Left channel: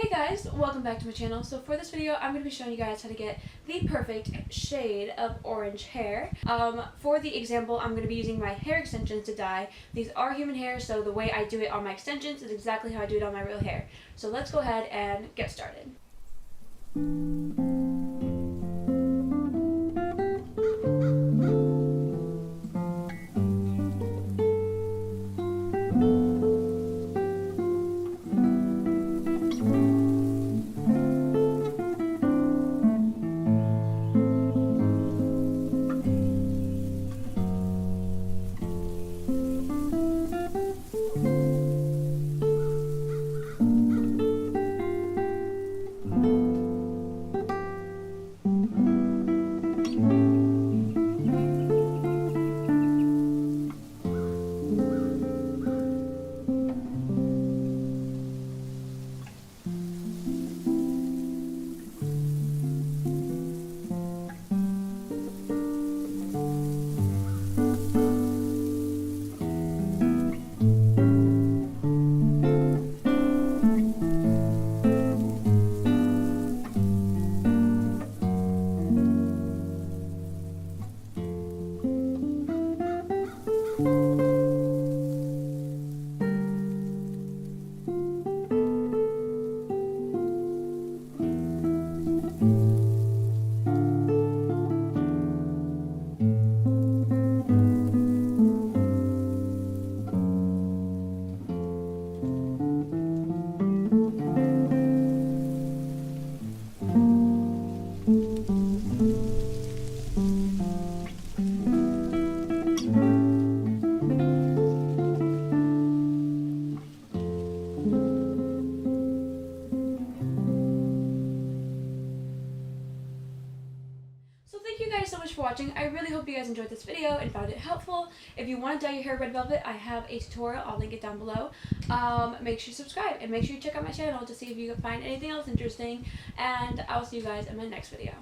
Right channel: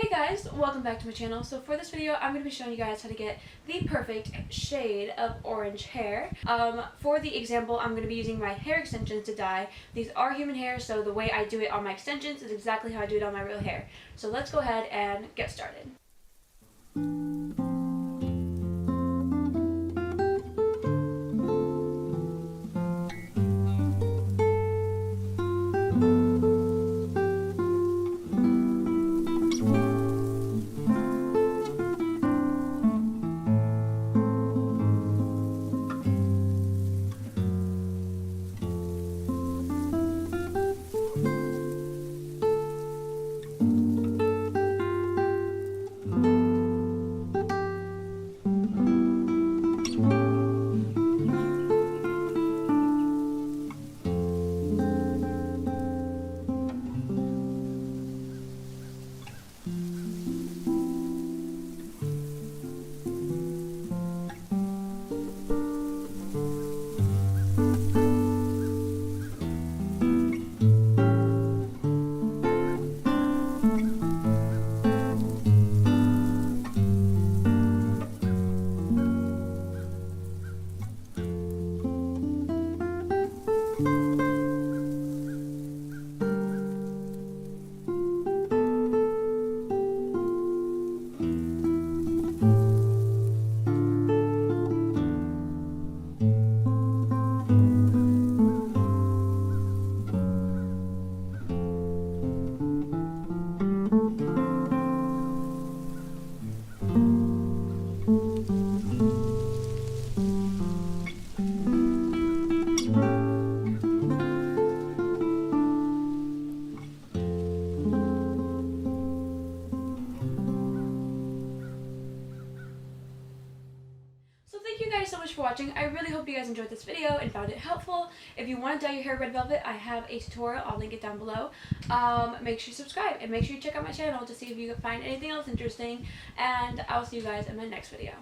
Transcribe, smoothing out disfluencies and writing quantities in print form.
Hey guys, welcome back to my channel. So for this video, I'm going to be showing you guys how to get the perfect shade of orange hair. For the example, I'm going to be using my hair extensions to dye. These are human hair, so the way I do it on my extensions is exactly how I do it on my real hair. So let's go ahead and get started. So thank you guys so much for watching. I really hope you guys enjoyed this video and found it helpful. If you want to dye your hair red velvet, I have a tutorial. I'll link it down below. Make sure you subscribe and make sure you check out my channel to see if you can find anything else interesting. And I'll see you guys in my next video.